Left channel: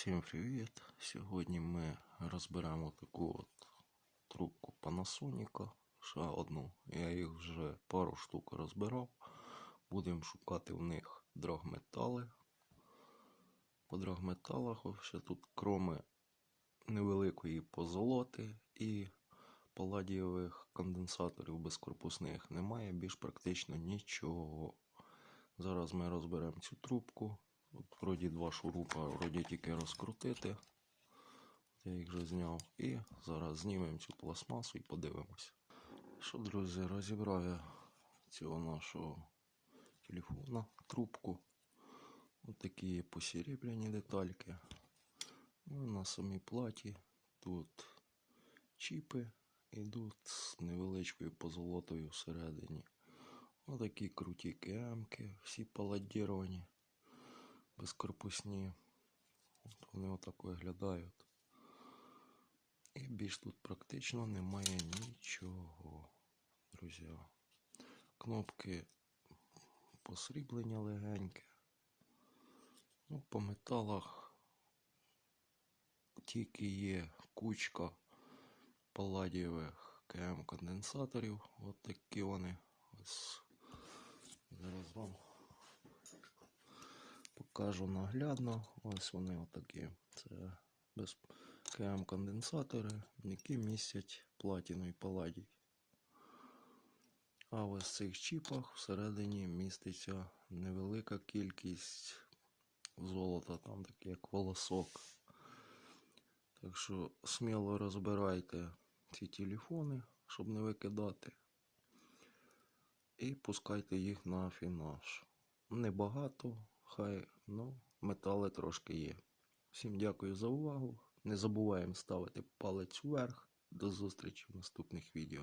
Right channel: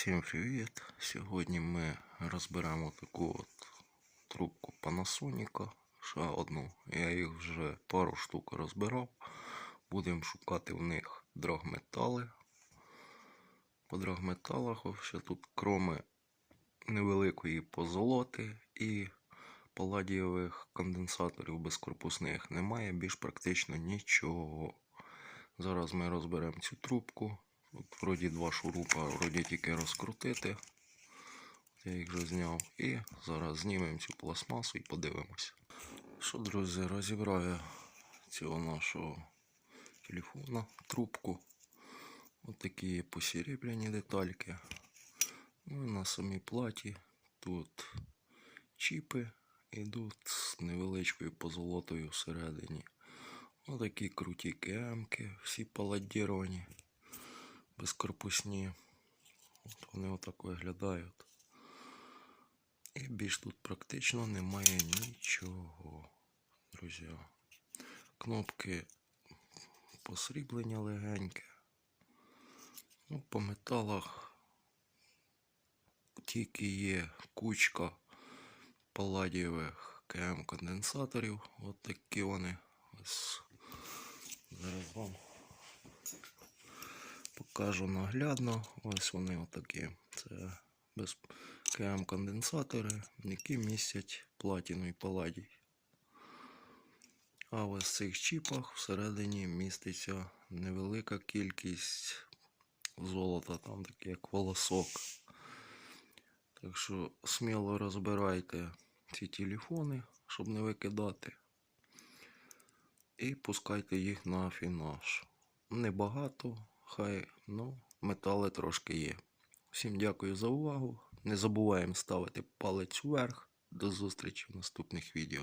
Всім привіт! Сьогодні ми розберемо таку от трубку Panasonic. Ще одну. Я їх вже пару штук розбирав. Будемо шукати в них драгметали. По драгметалах вообще тут кроме невеликої позолоти і паладієвих конденсаторів безкорпусних немає більш практично нічого. Зараз ми розберемо цю трубку. Вроді два шурупа, вроді тільки розкрутити. Я їх вже зняв. І зараз знімемо цю пластмасу і подивимося. Що, друзі, розібрав я цього нашого телефона, трубку. Ось такі є посеребряні детальки. Ну на самій платі тут чіпи йдуть з невеличкою позолотою всередині. Отакі круті кемки, всі паладіровані, безкорпусні. От вони отак виглядають. І більш тут практично немає нічого, друзі. Кнопки посріблення легеньке. Ну, по металах тільки є кучка паладієвих КМ конденсаторів. От такі вони. Ось зараз вам покажу наглядно. Ось вони отакі. Це без КМ конденсатори, які містять платіну і паладій. А ось в цих чіпах всередині міститься невелика кількість золота, там такий як волосок. Так що сміло розбирайте ці телефони, щоб не викидати. І пускайте їх на афінаж. Небагато, хай, ну, метали трошки є. Всім дякую за увагу. Не забуваємо ставити палець вверх. До зустрічі в наступних відео.